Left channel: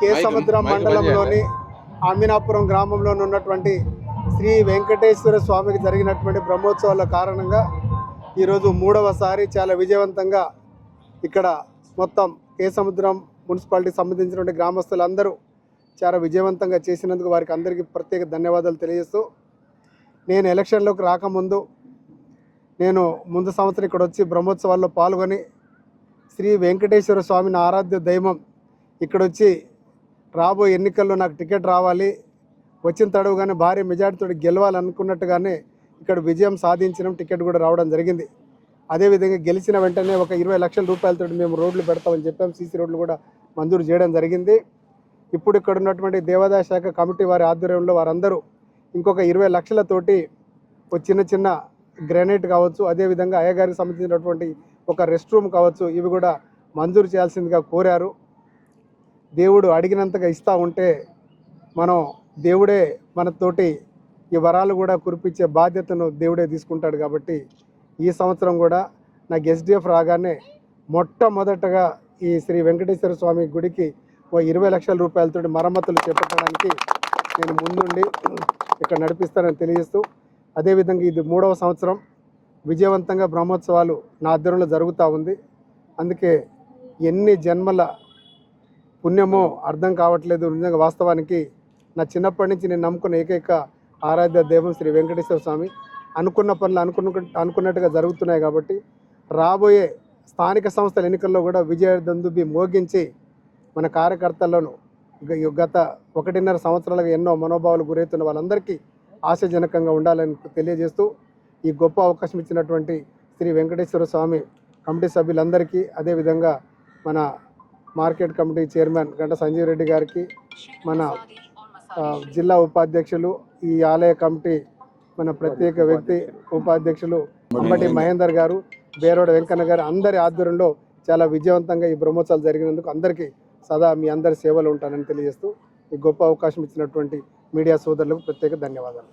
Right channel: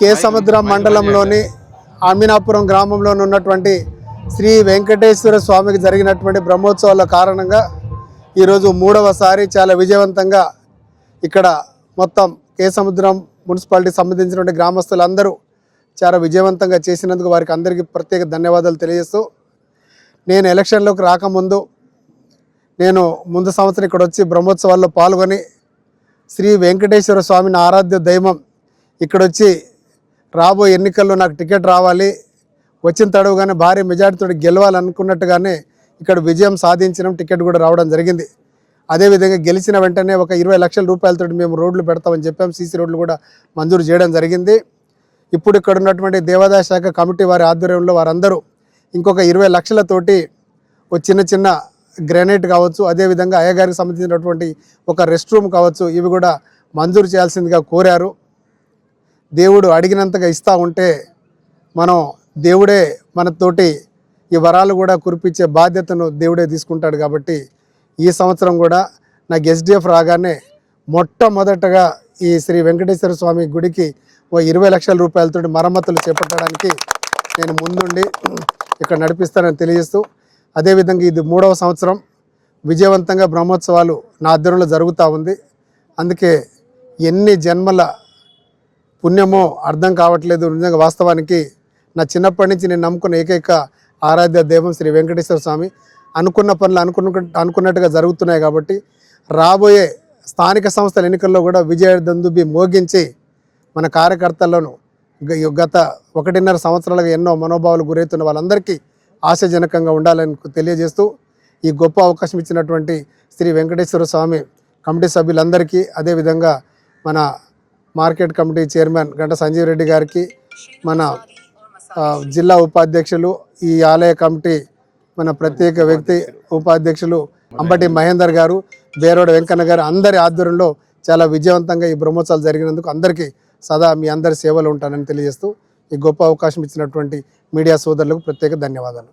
కే సముద్రం మండలంలోని అమీనాపురం గ్రామంలో ఉన్నటువంటి శ్రీ వెంకటేశ్వర స్వామికి జరిగినటువంటి బ్రహ్మోత్సవాల కారణంగా ఈరోజు మూడవసారి చాలా విజయవంతంగా ఇక్కడ మొత్తం కే సముద్రం మున్సిపాలిటీకి సంబంధించినటువంటి గ్రామస్తులందరూ చాలా విజయవంతంగా చేసినందుకు వారికి అందరికీ ప్రత్యేక ధన్యవాదాలు తెలియజేస్తూ, నేను ఎలక్షన్లోకి రాకముందు నేను ముందు సంవత్సరం ఇక్కడ వచ్చి బ్రహ్మోత్సవాల్లో పాల్గొని శ్రీ వెంకటేశ్వర స్వామిని ఆరాధ్య దైవం ఇక్కడొచ్చి రాబోయే ఎన్నికల్లో నాకు టికెట్ రావాలి, వచ్చిన తడవుగానే భారీ మెజార్టీతో గెలవాలనుకున్నట్టుగానే ఇక్కడ విజయం సాధించడం, టికెట్ కూడా రావడం జరిగింది. అదేవిధంగా గెలిచిన వెంటనే ఒక 20 లక్షల రూపాయలతో మేము రోడ్లు పెడతామని చెప్పాం. సీసీ రోడ్లు కూడా మంజూరు చేయడం జరిగింది. ఇప్పుడు ఇక్కడ ఉన్నటువంటి దేవాదాయ శాఖ కమిటీ వారి ఆధ్వర్యంలో వారందరూ ఇంకొక 20 లక్షలతోటి ఒక చిన్న గ్రానైట్ కావచ్చు, అదేవిధంగా అయ్యగారికి సంబంధించినటువంటి ఒక రెస్ట్ రూమ్ కావచ్చు, ఇవి కూడా మంజూరు చేయాల్సిందిగా కోరారు. దేవుడు అడిగినంతగా ఇస్తూ ఉంటే మనం దేవుడే మనతోటి ఈ వరాలు కూడా కురిపించే బాధ్యతను దేవుడే తీసుకుంటాడు. కాబట్టి ఈ సంవత్సరం కూడా నాకు ఎస్డిఎఫ్ రాగానే మొట్టమొదటగా ఈ శ్రీ వెంకటేశ్వర స్వామి గుడికి ఓ 20 లక్షల రూపాయలతో మరమ్మతులు చేపట్టడానికి నేను ముందుండి ఇక్కడ నడిపిస్తానని తెలియజేస్తూ, అదేవిధంగా ఇది 3వ సంవత్సరం విజయవంతంగా బ్రహ్మోత్సవాలు నా ఆధ్వర్యంలో జరుగుతూ ఉంది. అందుకే ఎన్ని జన్మల పుణ్యమో అర్థం కావట్లేదు. నిజంగా వాస్తవానికి నా చిన్నప్పటి నుంచి నేను నమ్ముకున్న ఏకైక ఆరాధ్య దైవం శ్రీ వెంకటేశ్వర స్వామి. అనుకున్న పనులు అనుకున్నట్టుగా జరుగుతున్నాయి. కాబట్టి రాబోయే స్థానిక సంస్థల ఎన్నికల్లో కూడా విజయ దందుబి మోగించి మన కార్యకర్తలను గత 1.5 సంవత్సరాలుగా ఎన్నో మనోభావాలు గురవుతున్న వాళ్ళందరికీ ఆశాజనకంగా ఉండాలని తెలియజేస్తూ, ఈ గొప్ప అవకాశం ఇచ్చినటువంటి శ్రీ వెంకటేశ్వర స్వామి కమిటీ సభ్యులందరికీ, అదేవిధంగా మన మార్కెట్ కమిటీ చైర్మన్ గంట సంజీవ్ రెడ్డి గారికి, మన జిల్లా ఉపాధ్యక్షులు, ఈ ఆలయ కమిటీ మన ప్రత్యేక వ్యక్తి ఉపాధ్యక్షులు అంబటి మహేందర్ గారు, బేరోడ వెంకన్న గారు అందరి ఆధ్వర్యంలో చాలా విజయవంతంగా ఈ బ్రహ్మోత్సవాలు జరిగినందుకు అందరికీ సదా మీ అందరి సేవలు ఉంటానని తెలియజేస్తూ, ఈ గొప్ప అవకాశం ఇచ్చినటువంటి మీడియా సోదరులకు ప్రత్యేక ధన్యవాదాలు.